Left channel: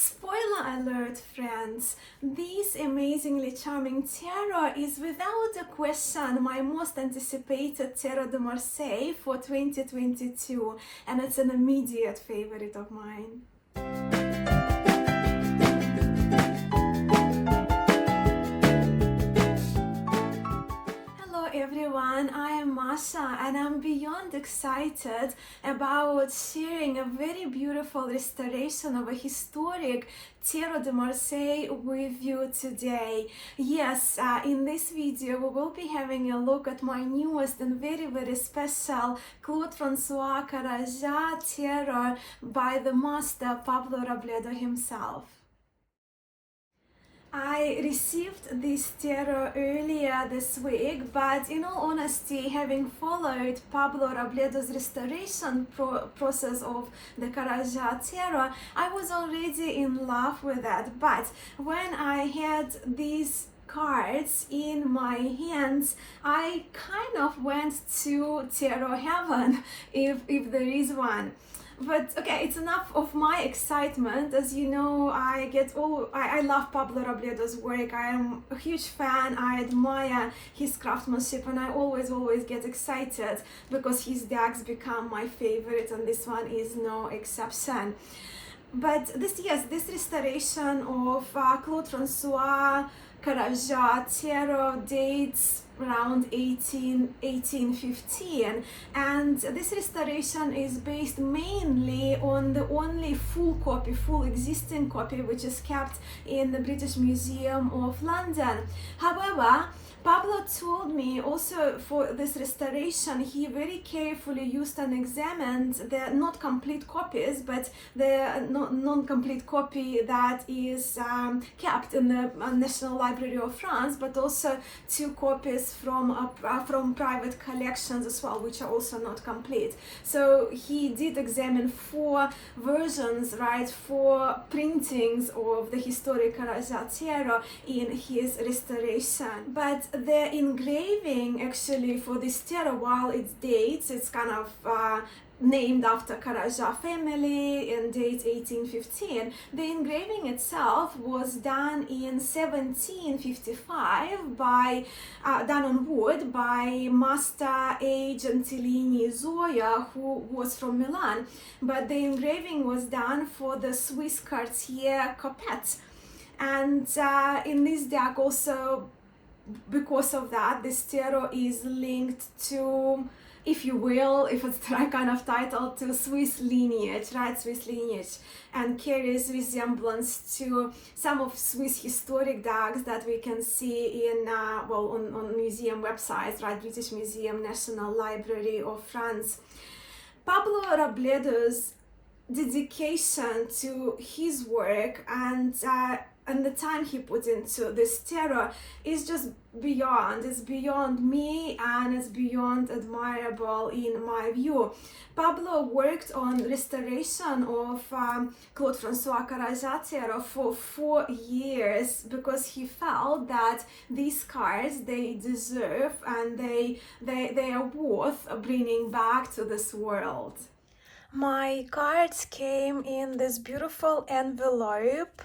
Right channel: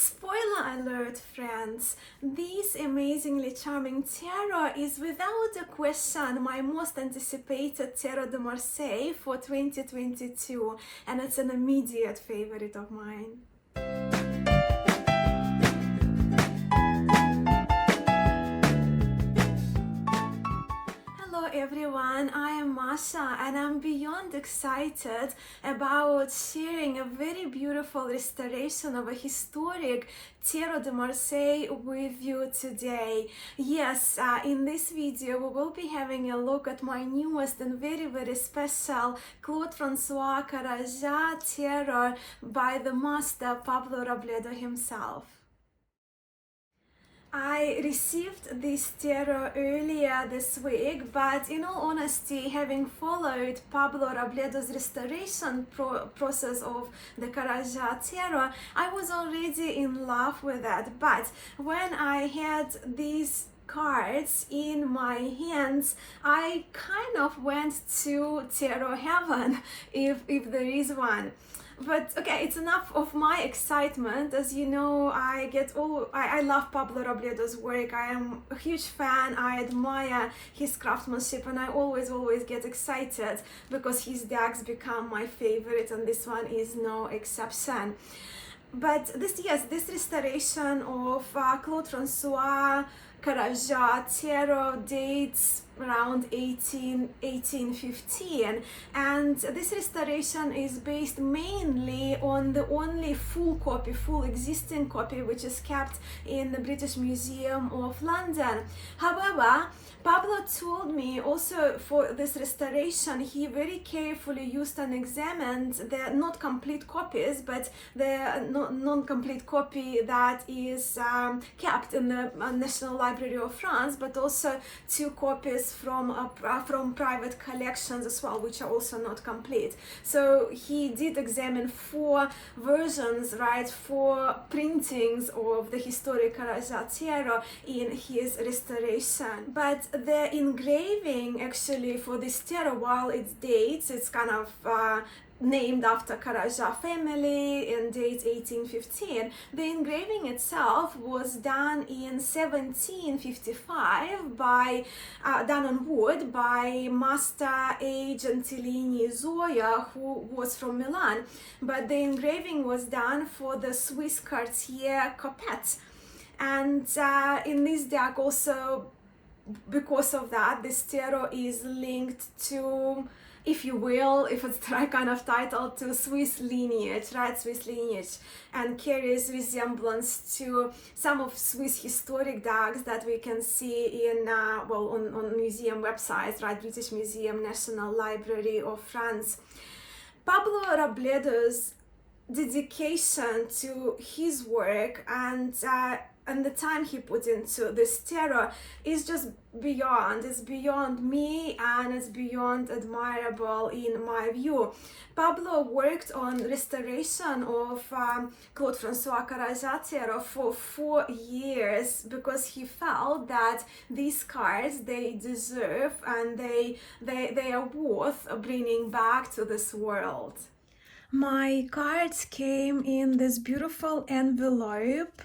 Spoiler alert, friends! This amazingly charming tarot is without a question my most anticipated Tarot de Marseille for 2022, and it's an immediate favorite of mine. Hello everyone, I am Masha and I'm beyond excited about sharing a very beautiful restoration of a historic Tarot de Marseille with you today. Yes, in this video we will be having a look at my newest and very special Claude Francois Karajah Tarot by the master Pablo Robledo himself. I received this tarot earlier this week, but in all honesty, having followed Pablo Robledo's restoration process of the Karajah tarot, I was already in love with it. But when I had these cards in my hands, I kind of went to tarot heaven, if there is one. But okay, it's enough of my excitement. As you know, I love Pablo Robledo's work. I am a huge fan. I admire his craftsmanship, and I always get excited because his decks become my favorite, and this one is no exception. But this restoration of Claude Francois Karajah tarot dates around 1815, and this restoration is based mainly on the only full existing copy which is kept in the British Museum of London. However, Pablo told me also for this restoration he very carefully used and examined the not complete copies, but the non-complete copy that is kept in the National Library of France, but also 2 copies from private collections as well, which are also not complete. So he did examine 4 versions, right, 4 printings of the historic Karajah tarot in his restoration. But the engraving actually for this tarot, while it dates, it's kind of named after Karajah family and dates 1815. The engraving itself was done in 1755 done on wood by Master A. Gentilini Zoya, who was from Milan. But the engraving was done for the Swiss Cartier Coppet. And in this deck also, because of that, this tarot is linked to, if you will, if it's the right kind of title, to Swiss lineage, right? Swiss lineage, and carries resemblance to some of Swiss historic decks that we can see in, on museum websites, right? British Museum, National Library of France. Pablo Robledo's dedication to his work and the time he put into this tarot is just it's beyond me, and it's beyond admirable in my view. Pablo worked on restoration of Claude Francois Karajah tarot for 4 years because he felt that these cards, they deserve and they are worth bringing back to this world. My cards came in this beautiful envelope,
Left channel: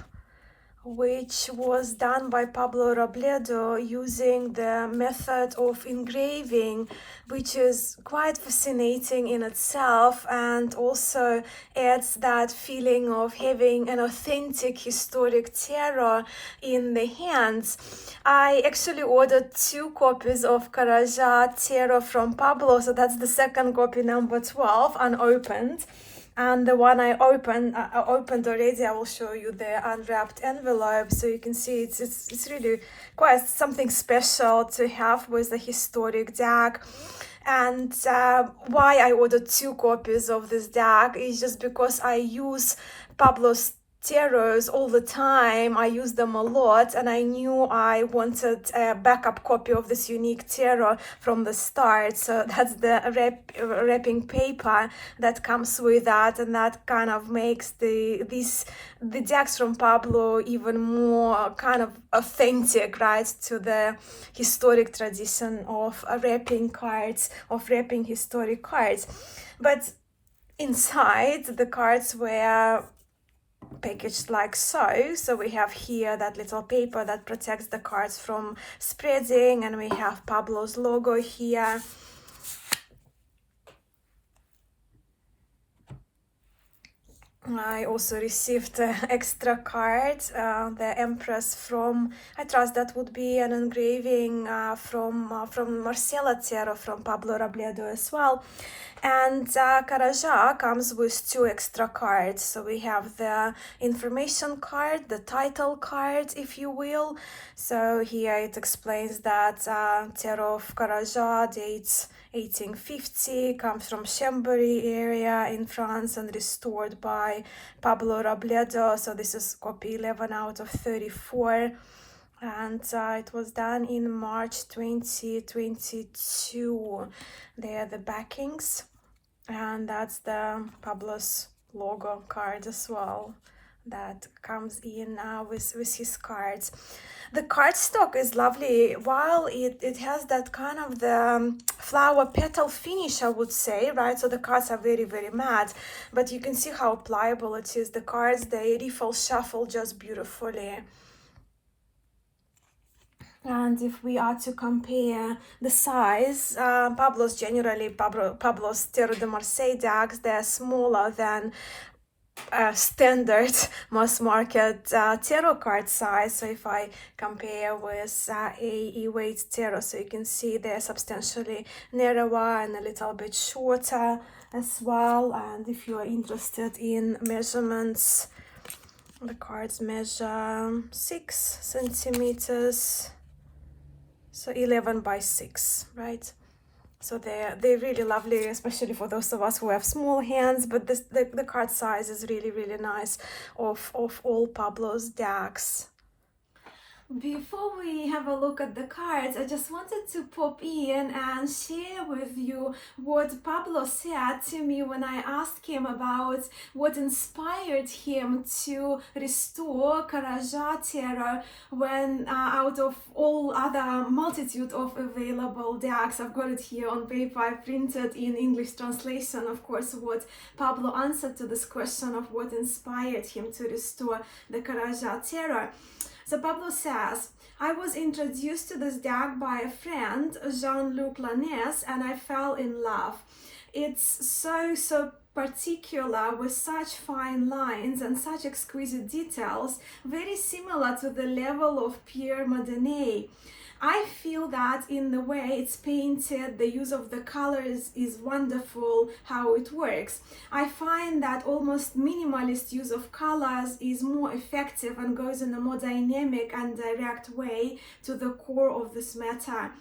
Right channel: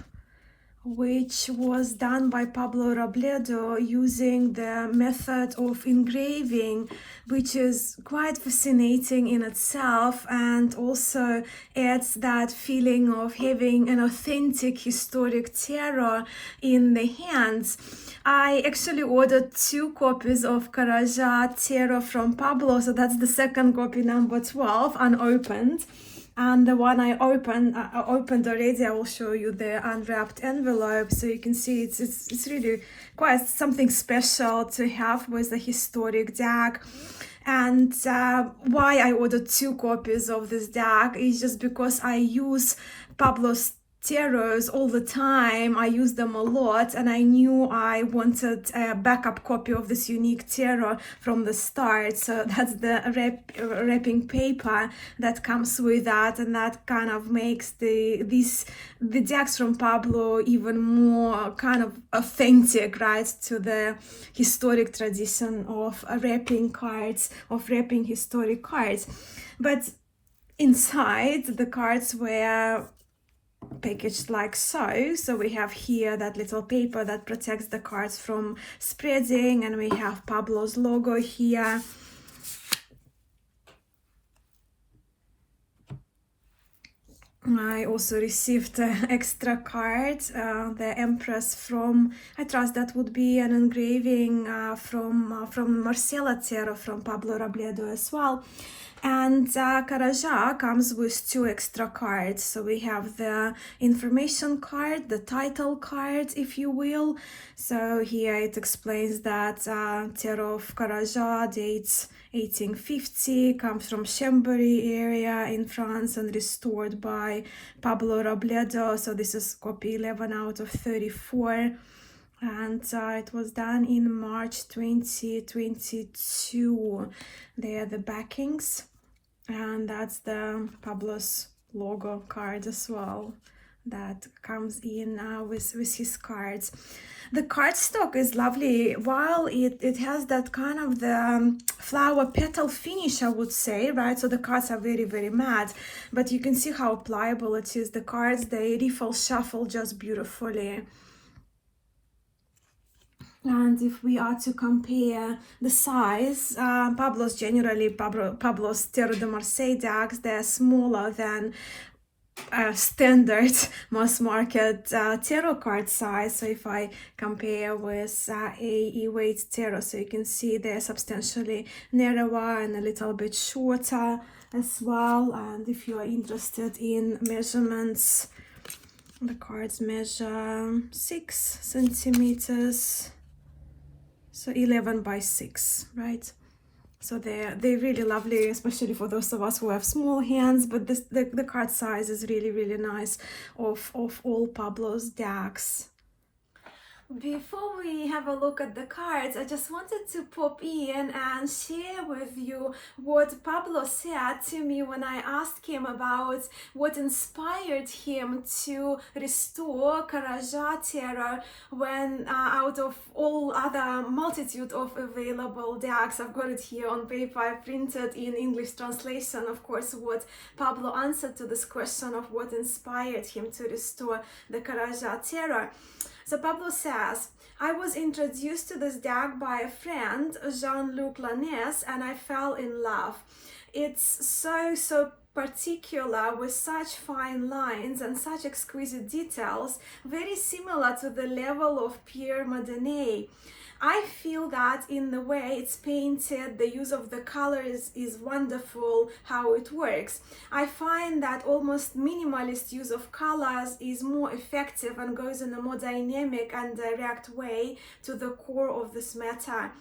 which was done by Pablo Robledo using the method of engraving, which is quite fascinating in itself and also adds that feeling of having an authentic historic tarot in the hands. I actually ordered 2 copies of Karajah tarot from Pablo, so that's the second copy, number 12, unopened. And the one I opened already. I will show you the unwrapped envelope so you can see it's really quite something special to have with a historic deck. And why I ordered 2 copies of this deck is just because I use Pablo's tarots all the time. I use them a lot, and I knew I wanted a backup copy of this unique tarot from the start. So that's the wrapping paper that comes with that, and that kind of makes the decks from Pablo even more kind of authentic, right, to the historic tradition of wrapping historic cards. But inside, the cards were packaged like so. So we have here that little paper that protects the cards from spreading, and we have Pablo's logo here. I also received extra card, the Empress from, I trust that would be an engraving from Marcela Otero, from Pablo Robledo as well. And Karaja comes with 2 extra cards. So we have the information card, the title card, if you will. So here it explains that Tarot of Karaja dates 1850, comes from Chambéry area in France and restored by Pablo Robledo. So this is copy 11 out of 34. And it was done in March 2022. They are the backings. And that's the Pablo's logo card as well that comes in with his cards. The cardstock is lovely. While it has that kind of the flower petal finish, I would say, right? So the cards are very, very matte, but you can see how pliable it is. The cards, they riffle, shuffle just beautifully. And if we are to compare the size, Pablo's Tarot de Marseille decks, they're smaller than standard mass market tarot card size. So if I compare with a weight tarot, so you can see they're substantially narrower and a little bit shorter as well. And if you are interested in measurements, the cards measure 6 centimeters. So 11 by 6, right? So they're really lovely, especially for those of us who have small hands. But the card size is really, really nice of all Pablo's decks. Before we have a look at the cards, I just wanted to pop in and share with you what Pablo said to me when I asked him about what inspired him to restore Karaja Tarot when out of all other multitude of available decks. I've got it here on paper, I printed in English translation, of course, what Pablo answered to this question of what inspired him to restore the Karaja Tarot. So Pablo says, I was introduced to this deck by a friend, Jean-Luc Lanès, and I fell in love. It's so particular, with such fine lines and such exquisite details, very similar to the level of Pierre Madonnay. I feel that in the way it's painted, the use of the colors is wonderful, how it works. I find that almost minimalist use of colors is more effective and goes in a more dynamic and direct way to the core of this matter.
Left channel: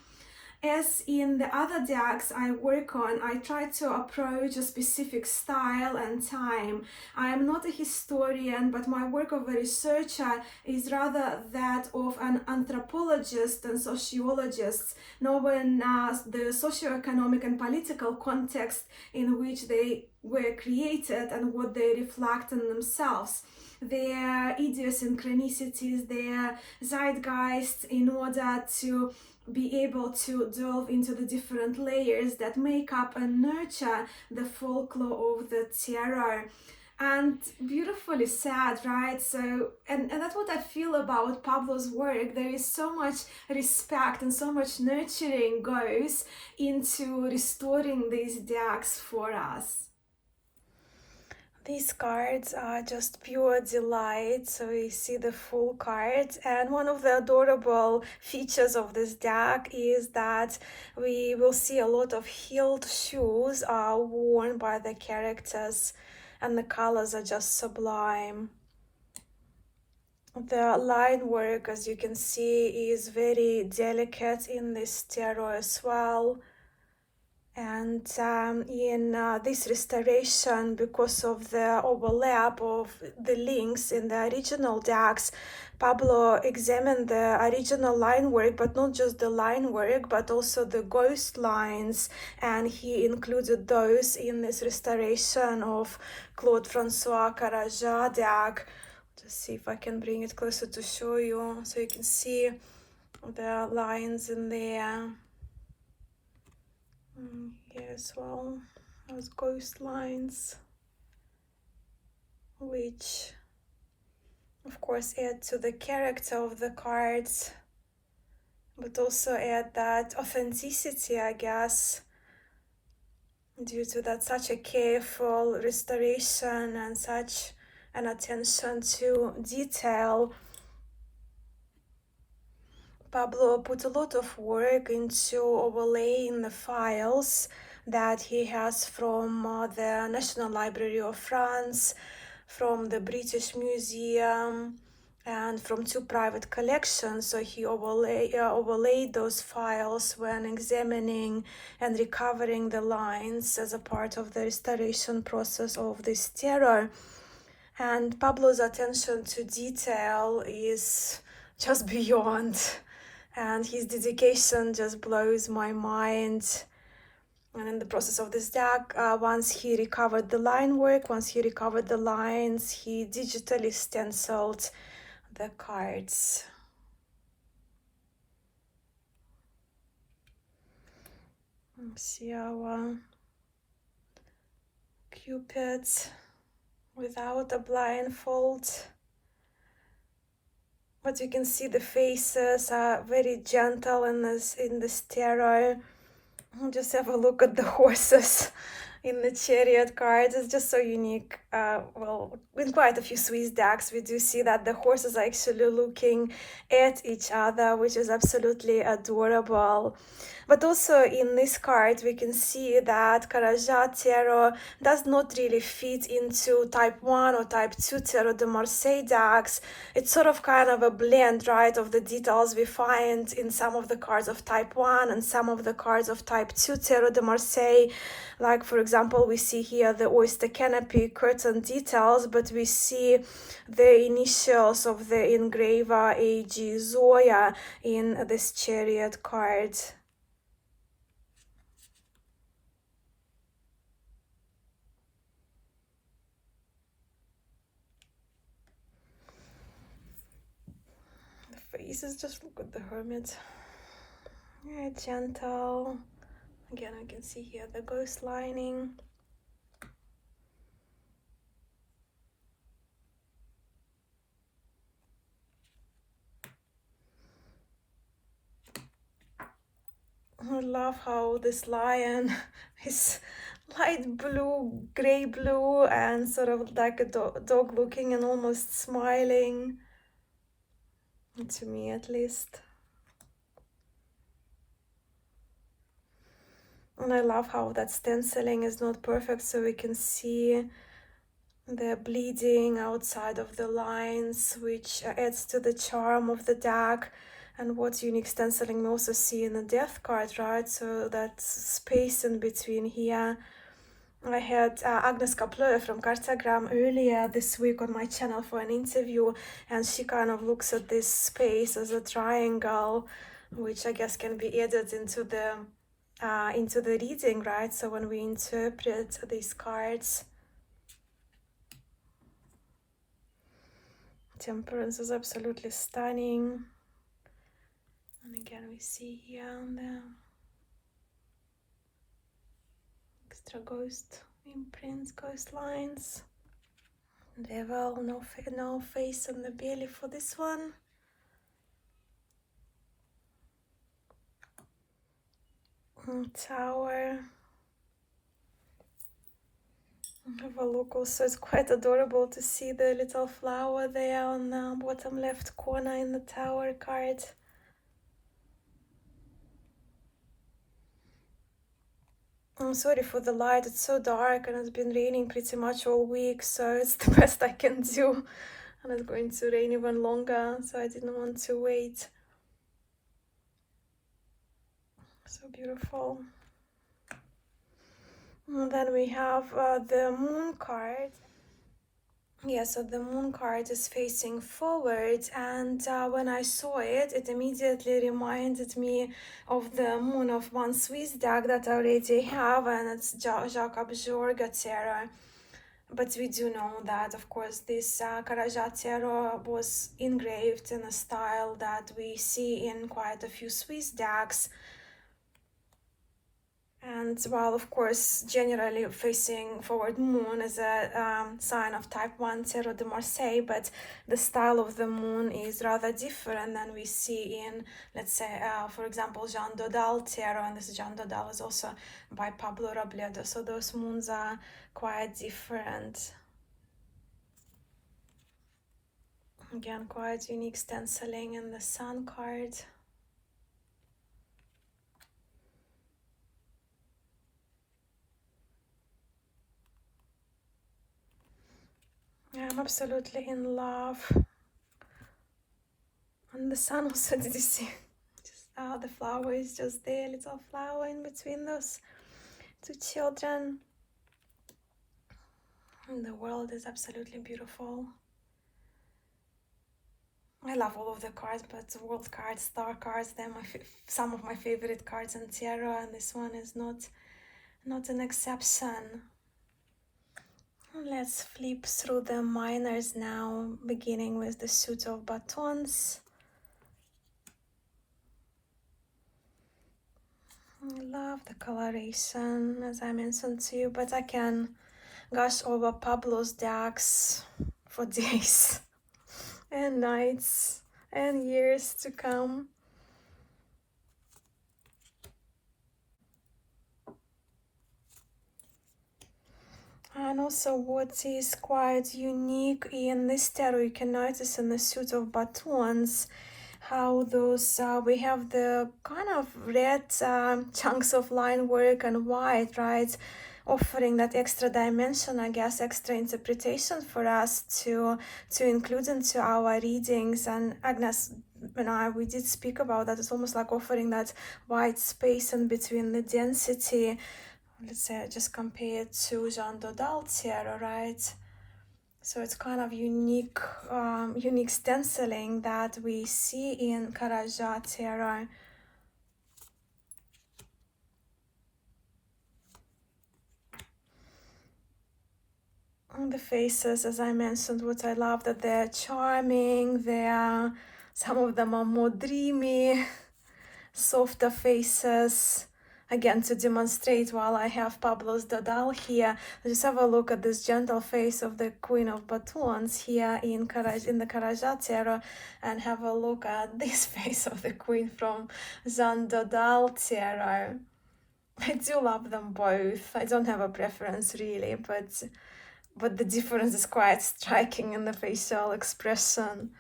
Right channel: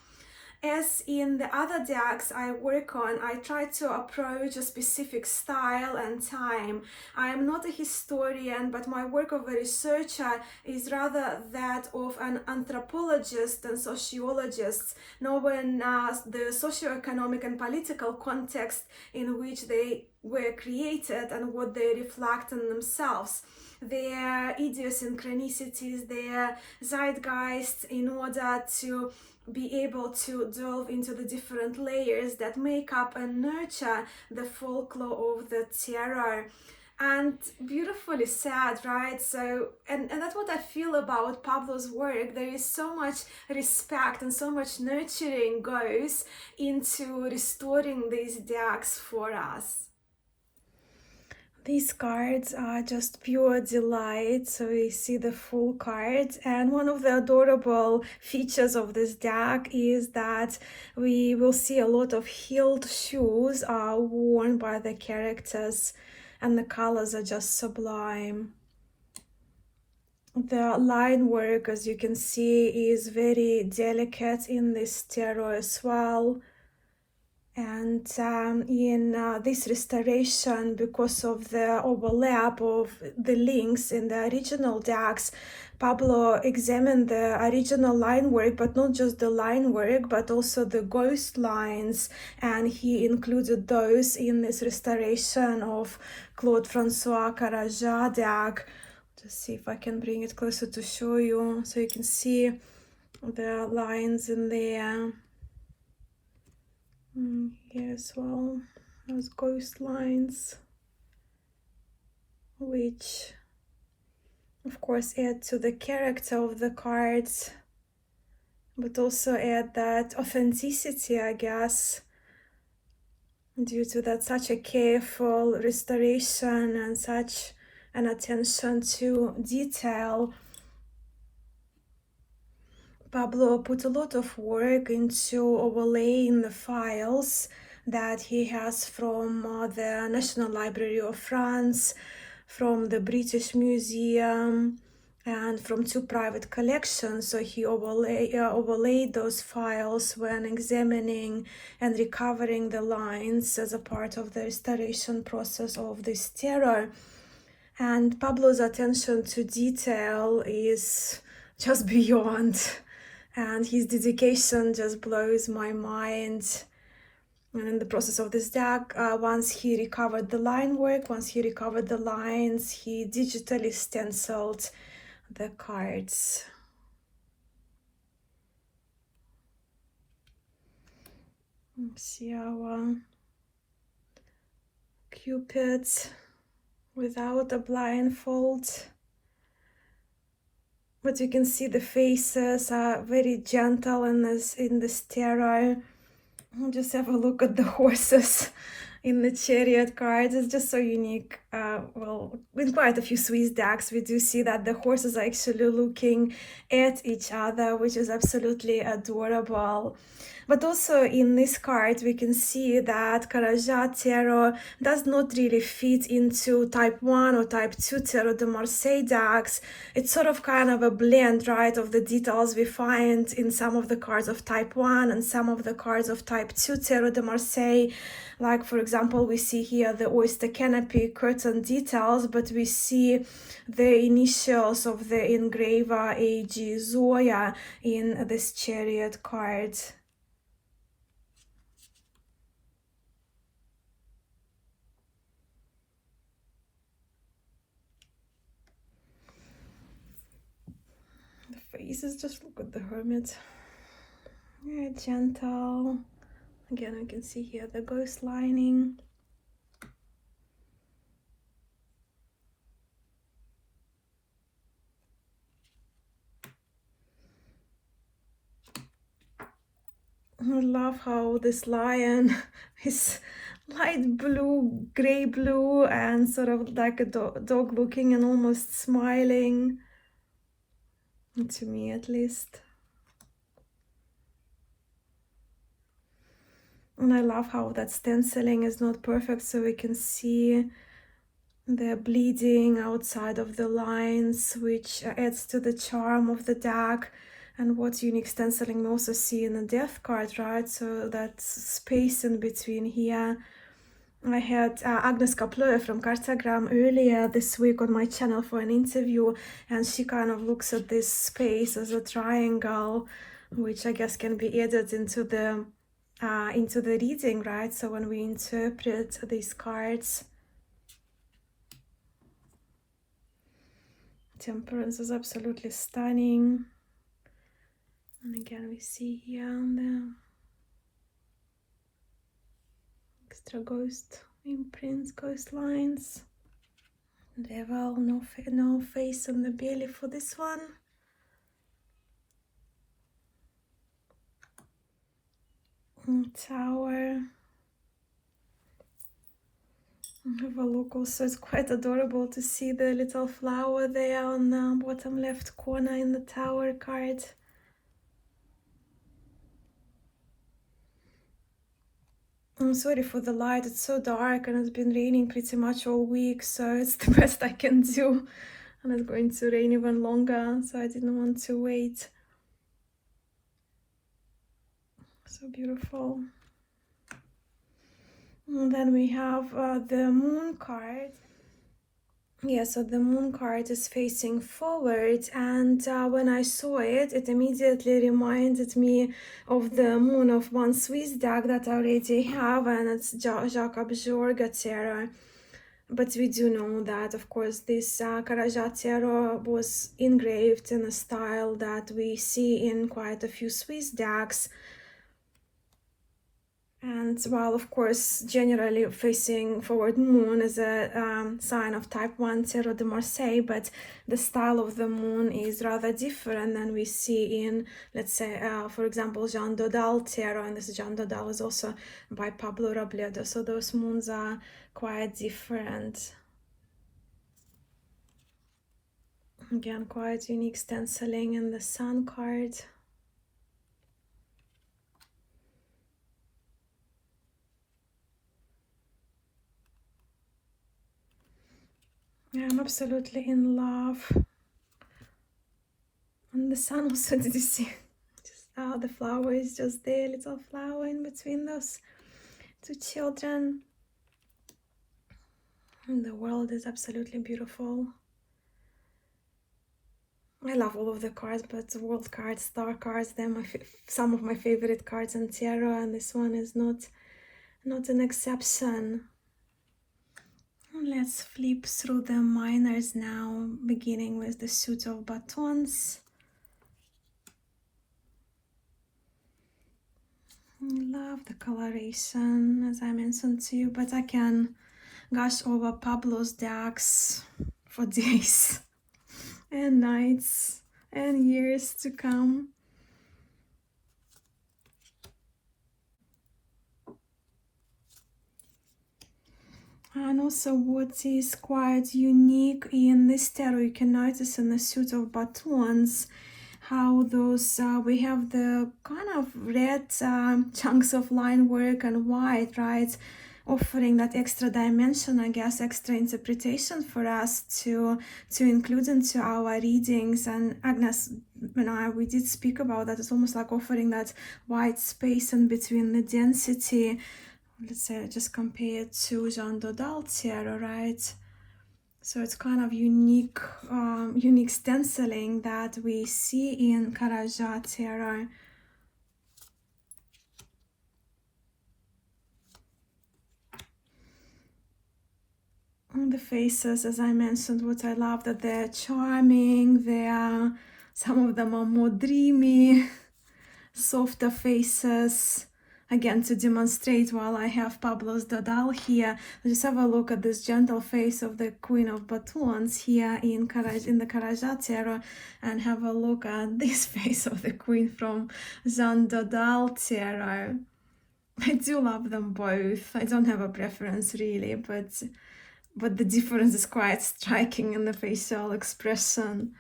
As in the other decks I work on, I try to approach a specific style and time. I am not a historian, but my work of a researcher is rather that of an anthropologist and sociologist, knowing the socioeconomic and political context in which they were created and what they reflect in themselves, their idiosyncrasies, their zeitgeist, in order to be able to delve into the different layers that make up and nurture the folklore of the tarot. And beautifully said, right? So, and that's what I feel about Pablo's work. There is so much respect and so much nurturing goes into restoring these decks for us. These cards are just pure delight. So we see the full card, and one of the adorable features of this deck is that we will see a lot of heeled shoes are worn by the characters, and the colors are just sublime. The line work, as you can see, is very delicate in this tarot as well. And in this restoration, because of the overlap of the links in the original decks, Pablo examined the original line work, but not just the line work, but also the ghost lines, and he included those in this restoration of Claude Francois Karaja deck. Just see if I can bring it closer to show you, so you can see the lines in there. Here as well, those ghost lines, which course add to the character of the cards, but also add that authenticity, I guess, due to that such a careful restoration and such an attention to detail. Pablo put a lot of work into overlaying the files that he has from the National Library of France, from the British Museum, and from 2 private collections. So he overlaid those files when examining and recovering the lines as a part of the restoration process of this terror. And Pablo's attention to detail is just beyond, and his dedication just blows my mind. And in the process of this deck, once he recovered the line work, once he recovered the lines, he digitally stenciled the cards. Let's see our Cupid without a blindfold. But you can see the faces are very gentle in this tarot. Just have a look at the horses in the Chariot cards. It's just so unique. Well, in quite a few Swiss decks, we do see that the horses are actually looking at each other, which is absolutely adorable. But also in this card, we can see that Carajat Tarot does not really fit into type 1 or type 2 Tarot de Marseille decks. It's sort of kind of a blend, right, of the details we find in some of the cards of type 1 and some of the cards of type 2 Tarot de Marseille. Like, for example, we see here the oyster canopy curtain details, but we see the initials of the engraver A.G. Zoya in this Chariot card. Faces, just look at the Hermit. Yeah, gentle. Again, I can see here the ghost lining. I love how this lion is light blue, gray blue, and sort of like a dog looking and almost smiling. To me, at least. And I love how that stenciling is not perfect, so we can see the bleeding outside of the lines, which adds to the charm of the deck. And what unique stenciling we also see in the death card, right? So that space in between here. I had Agnes Kaplö from Cartagram earlier this week on my channel for an interview, and she kind of looks at this space as a triangle, which I guess can be added into the reading, right? So when we interpret these cards, Temperance is absolutely stunning. And again, we see here on the extra ghost imprints, ghost lines. Devil, no face on the belly for this one. Tower. Have a look also, it's quite adorable to see the little flower there on the bottom left corner in the Tower card. I'm sorry for the light, it's so dark and it's been raining pretty much all week, so it's the best I can do. And it's going to rain even longer, so I didn't want to wait. So beautiful. And then we have the Moon card. Yeah, so the Moon card is facing forward, and when I saw it, it immediately reminded me of the Moon of one Swiss deck that I already have, and it's Jacques Abjorga Tarot. But we do know that, of course, this Carajat Tarot was engraved in a style that we see in quite a few Swiss decks. And while of course generally facing forward moon is a sign of type 1 Tarot de Marseille, but the style of the moon is rather different than we see in, let's say, for example, Jeanne Dodal Tarot, and this Jeanne Dodal is also by Pablo Robledo, so those moons are quite different. Again, quite unique stenciling in the Sun card. Yeah, I'm absolutely in love. And the Sun also, did you see? Just the flower is just there, little flower in between those two children. And the world is absolutely beautiful. I love all of the cards, but the world cards, star cards, they're some of my favorite cards in tarot, and this one is not an exception. Let's flip through the minors now, beginning with the suit of batons. I love the coloration, as I mentioned to you, but I can gush over Pablo's decks for days and nights and years to come. And also what is quite unique in this tarot, you can notice in the suit of batons how those we have the kind of red chunks of line work and white, right, offering that extra dimension, I guess, extra interpretation for us to include into our readings. And Agnes, we did speak about that. It's almost like offering that white space in between the density. Let's say just compare it to Jeanne Dodal Tarot, right? So it's kind of unique stenciling that we see in Karaja Tarot. The faces, as I mentioned, what I love, that they're charming, some of them are more dreamy, softer faces. Again, to demonstrate, while I have Pablo's Dodal here, just have a look at this gentle face of the Queen of Batons here in the Karaja Tarot, and have a look at this face of the Queen from Jeanne Dodal Tarot. I do love them both. I don't have a preference really, but the difference is quite striking in the facial expression.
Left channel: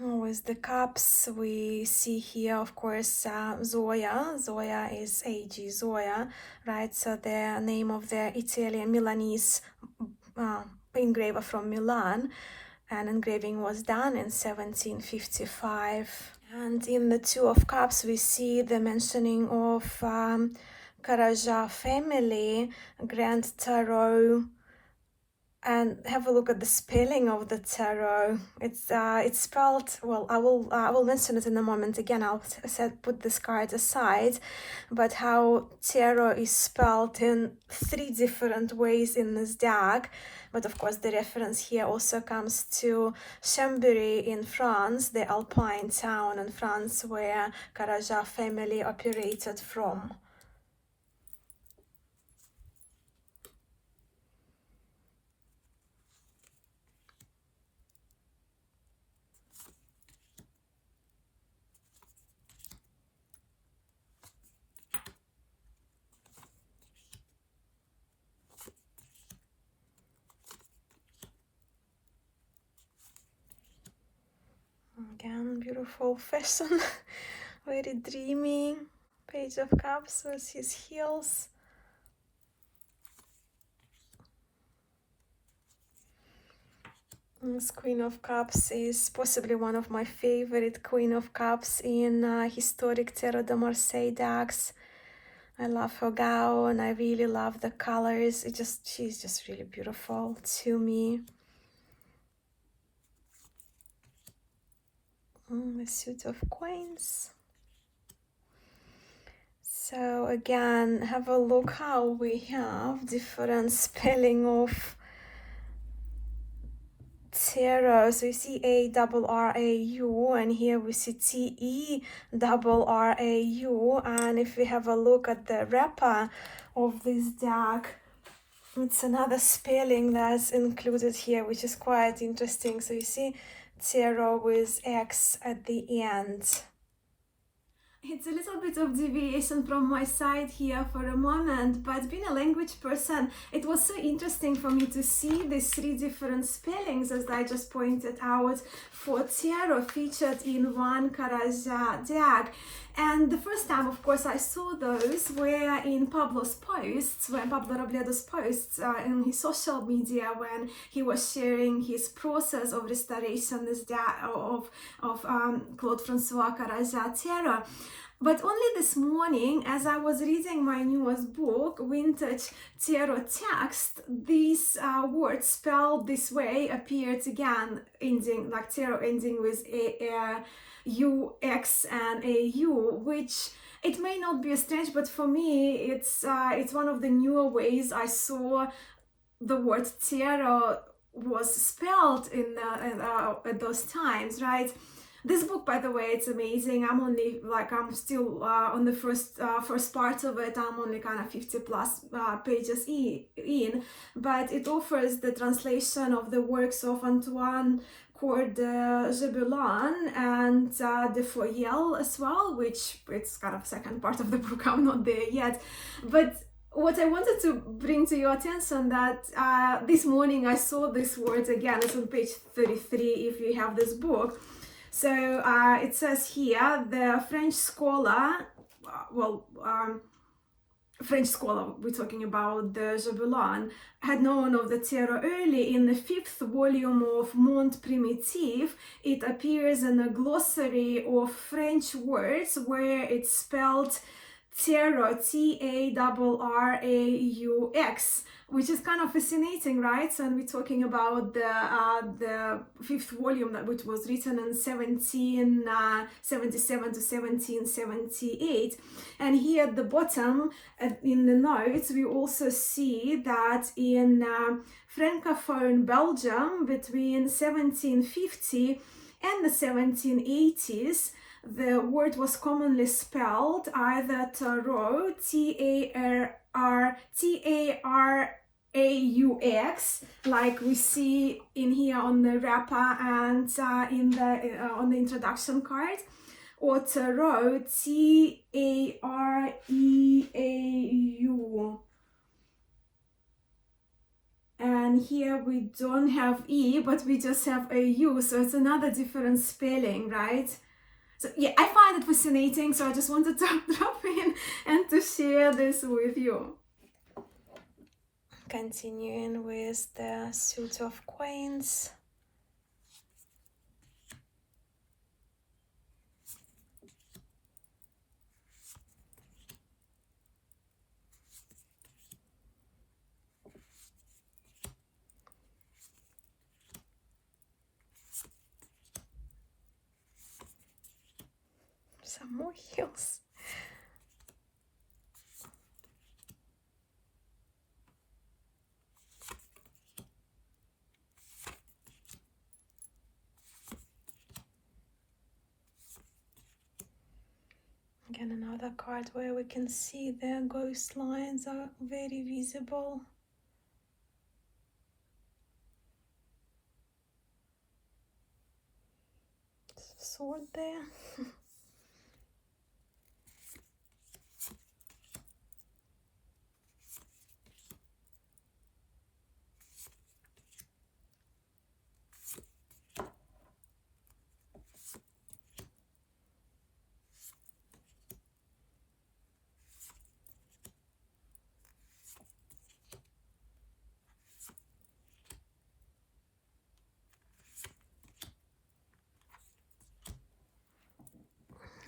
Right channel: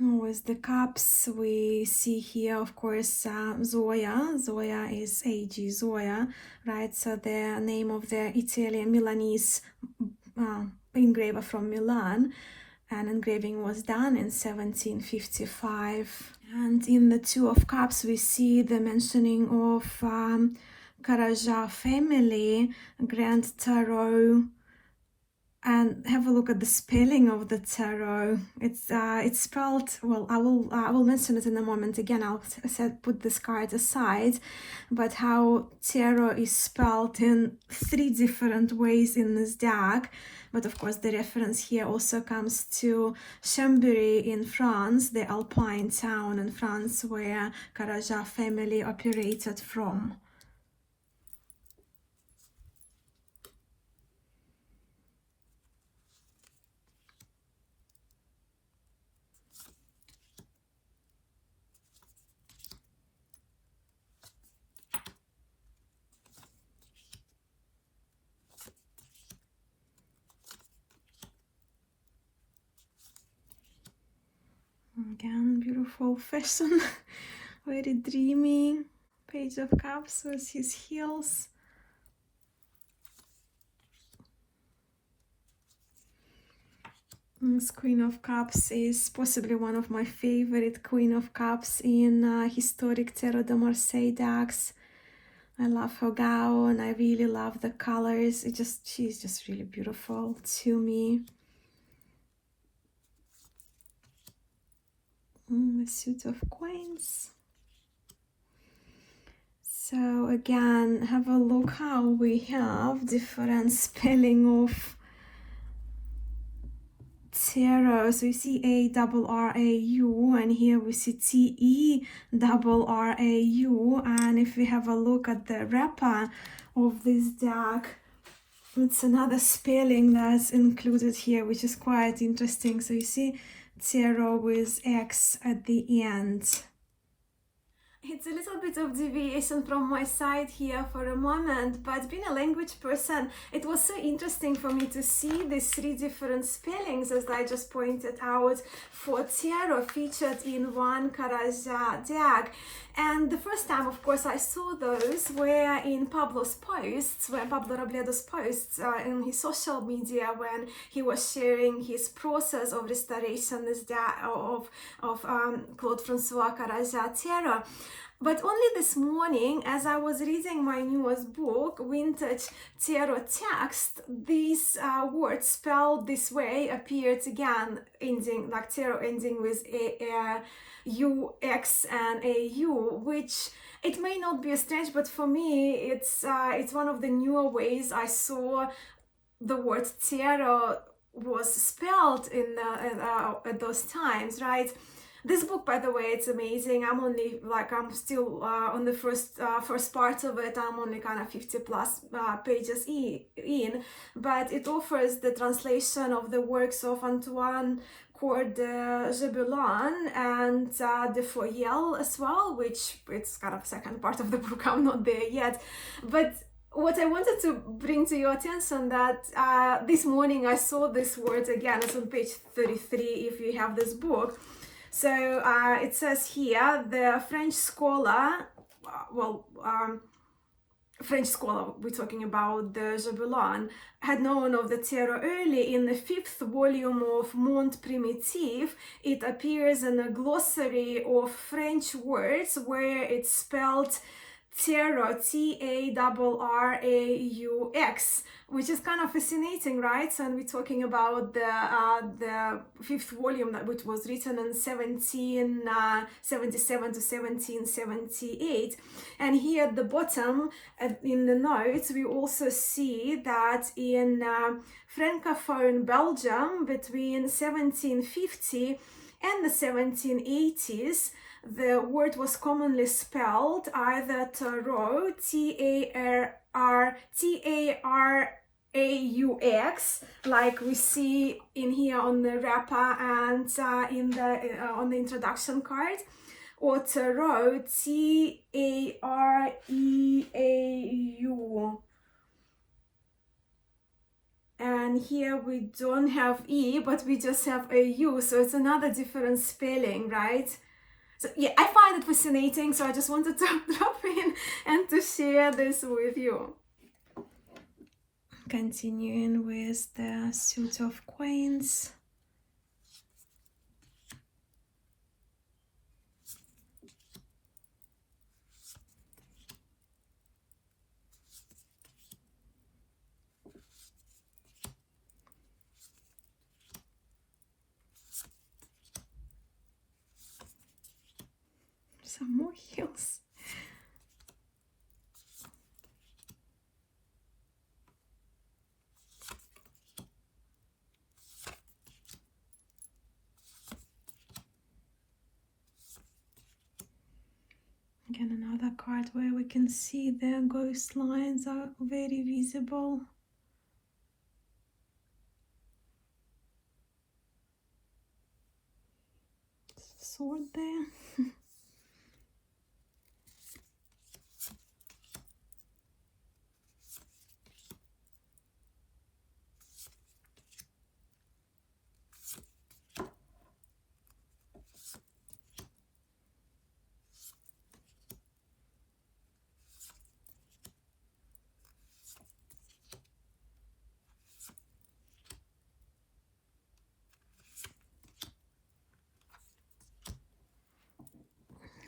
With the cups, we see here, of course, Zoya. Zoya is A.G. Zoya, right? So the name of the Italian Milanese engraver from Milan, and engraving was done in 1755. And in the Two of Cups, we see the mentioning of Karaja family, Grand Tarot. And have a look at the spelling of the tarot. It's spelled, well, I will mention it in a moment. Again, I'll put this card aside, but how tarot is spelled in 3 different ways in this deck. But of course, the reference here also comes to Chambéry in France, the Alpine town in France where Karaja family operated from. Again, beautiful fashion, very dreamy. Page of Cups with his heels. This Queen of Cups is possibly one of my favorite Queen of Cups in historic Tarot de Marseille decks. I love her gown, I really love the colors. She's just really beautiful to me. The suit of Queens. So again, have a look how we have different spelling of Tarot. So you see A-R-R-A-U, and here we see T-E-R-R-A-U. And if we have a look at the wrapper of this deck, it's another spelling that's included here, which is quite interesting. So you see tarot with X at the end. It's a little bit of deviation from my side here for a moment, but being a language person, it was so interesting for me to see these three different spellings, as I just pointed out, for tarot featured in one Karaja deck. And the first time, of course, I saw those were in Pablo's posts, when Pablo Robledo's posts in his social media, when he was sharing his process of restoration of Claude Francois Karaja tarot. But only this morning, as I was reading my newest book, Vintage Tarot Text, these words spelled this way appeared again, ending like tarot ending with U-X and A-U, which it may not be strange, but for me, it's one of the newer ways I saw the word tarot was spelled in at those times, right? This book, by the way, it's amazing. I'm still on the first part of it. I'm only kind of 50 plus pages in, but it offers the translation of the works of Antoine Coeur de Gébelin and de Foyel as well, which it's kind of second part of the book. I'm not there yet, but what I wanted to bring to your attention that this morning I saw this word again. It's on page 33 if you have this book. So it says here, the French scholar, we're talking about the Gébelin, had known of the tarot early. In the 5th volume of Monde Primitif, it appears in a glossary of French words where it's spelled tarot, T-A-R-R-A-U-X, which is kind of fascinating, right? So we're talking about the 5th volume which was written in 1777 to 1778. And here at the bottom, in the notes, we also see that in Francophone Belgium between 1750 and the 1780s, the word was commonly spelled either tarot, T-A-R-A-U-X, like we see in here on the wrapper and on the introduction card, or tarot, T-A-R-E-A-U. And here we don't have E, but we just have a U, so it's another different spelling, right? So yeah, I find it fascinating, so I just wanted to drop in and to share this with you. Continuing with the suit of coins. Some more heels. Again, another card where we can see the ghost lines are very visible. Sword there.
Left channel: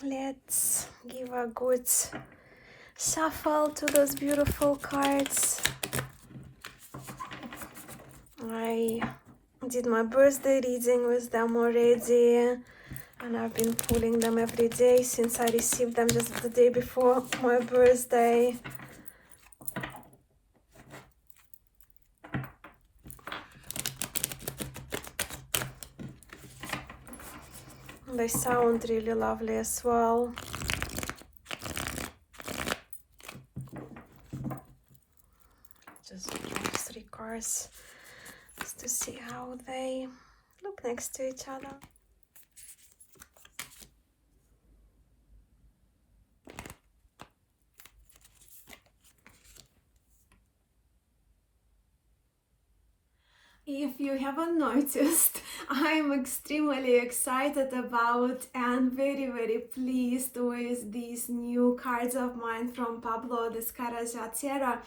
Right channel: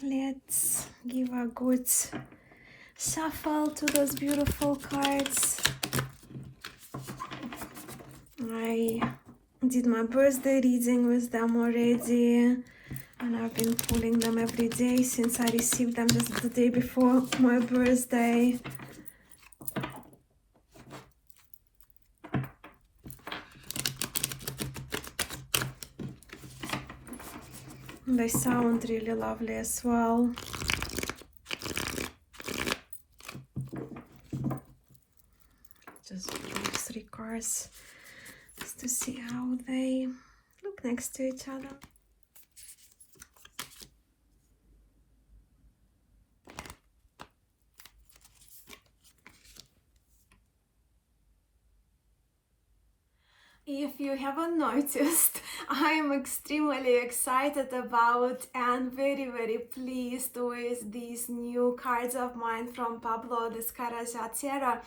Let's give a good shuffle to those beautiful cards. I did my birthday reading with them already, and I've been pulling them every day since I received them just the day before my birthday. They sound really lovely as well. Just draw 3 cards just to see how they look next to each other. If you haven't noticed, I am extremely excited about and very, very pleased with these new cards of mine from Pablo Descarga Tarot.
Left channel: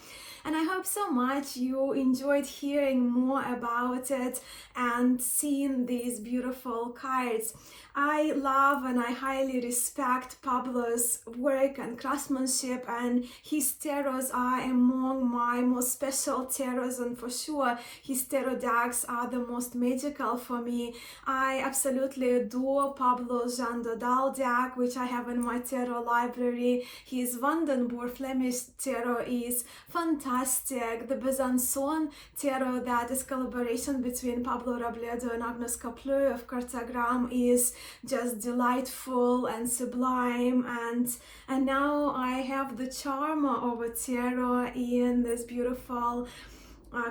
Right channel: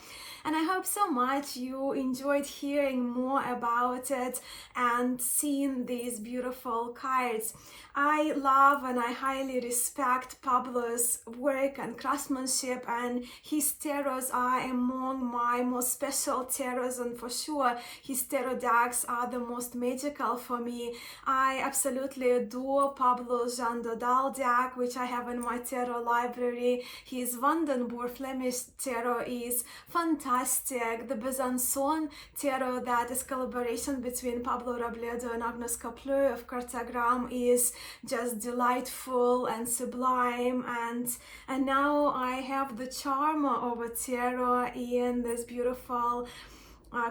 And I hope so much you enjoyed hearing more about it and seeing these beautiful cards. I love and I highly respect Pablo's work and craftsmanship, and his tarots are among my most special tarots, and for sure his tarot decks are the most magical for me. I absolutely adore Pablo's Jean Dodal deck, which I have in my tarot library. His Vandenboer Flemish tarot is fantastic. The Besançon tarot, that is collaboration between Pablo Robledo and Agnes Capleux of Cartagram, is just delightful and sublime, and now I have the charm of a tarot in this beautiful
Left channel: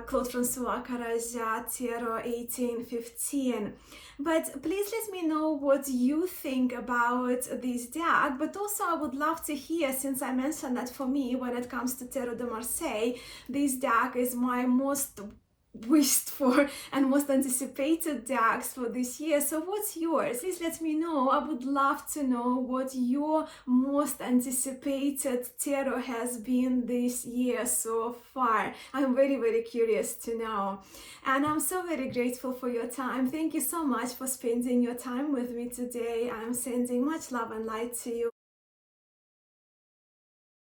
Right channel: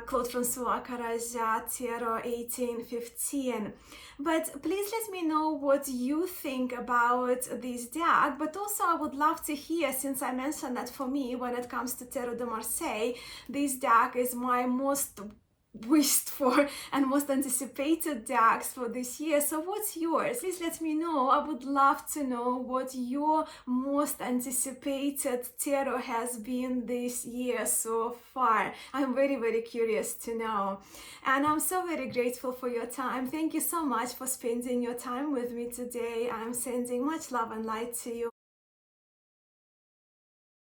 Claude Francois Caraja Tarot 1815. But please let me know what you think about this deck. But also I would love to hear, since I mentioned that for me, when it comes to Tarot de Marseille, this deck is my most wished for and most anticipated decks for this year. So what's yours? Please let me know. I would love to know what your most anticipated tarot has been this year so far. I'm very, very curious to know. And I'm so very grateful for your time. Thank you so much for spending your time with me today. I'm sending much love and light to you.